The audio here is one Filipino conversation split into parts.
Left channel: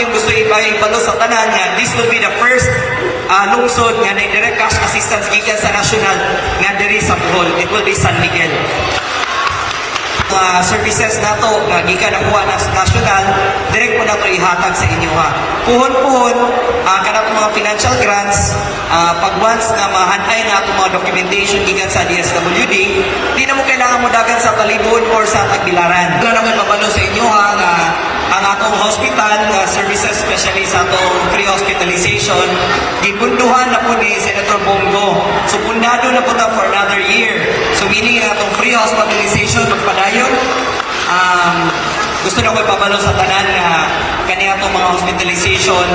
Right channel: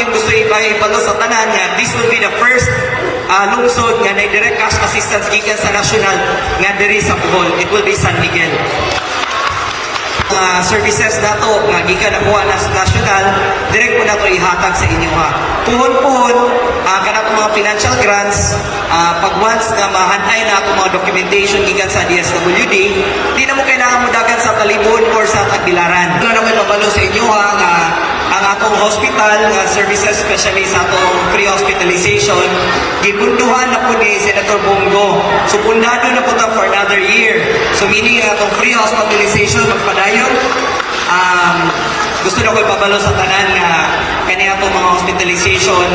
yung gusto ipalo sa tanan niya, this will be the first lungsod nga na direct cash assistance gikan sa national nga diri sa Bohol. It will be San Miguel. Services nato nga gikan nakuha na sa national, direct po na ito ihatag sa inyo ha. Puhon-puhon, kanang mga financial grants, pag once na mahanay na itong mga documentation gikan sa DSWD, di na mo kailangan mo dagan sa Talibon or sa Tagbilaran. Wala na may babalo sa inyo ha, nga ang atong hospital, services especially sa atong free hospitalization, gibunduhan na po ni Senator Bongo. So pundado na po na for another year. So meaning atong free hospitalization magpadayon. Gusto na ko ipabalo sa tanan na kaniya itong mga hospitalization,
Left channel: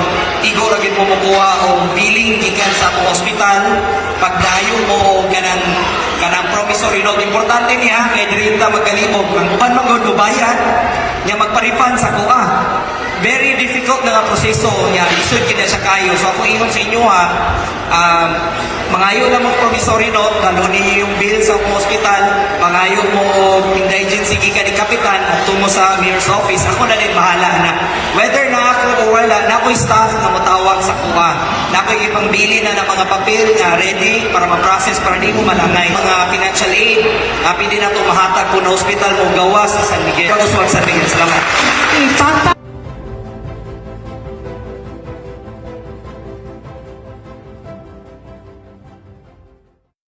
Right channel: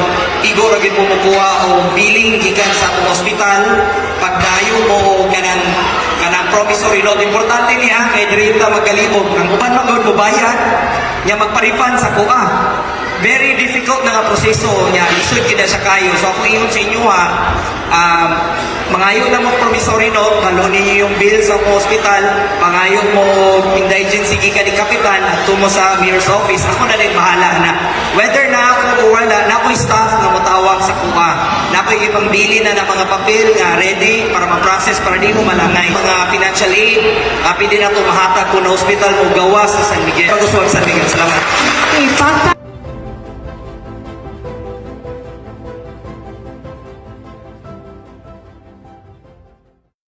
igo lagi mo makuha o billing gikan sa atong hospital, pagdayo mo o kanang promissory note. Importante niya, kay Drita magalimog. Ang uban magbayad, niya magpa-refund sa kuha. Very difficult na nga proseso niya. Isod kita siya kayo. So ako ingon sa inyo ha, mangayo na mong promissory note, nalunin niyo yung bill sa hospital, mangayo mo indigency gikan ni Kapitan at tumo sa mayor's office. Ako na rin bahala na. Whether na ako o wala, na ako staff na matawag sa kuha. Na ako ibang bili na ng mga papel ready para ma-process para di mo malangay. Mga financial aid, pili na ito mahatag ko na hospital o gawa sa San Miguel. Salamat. Papa.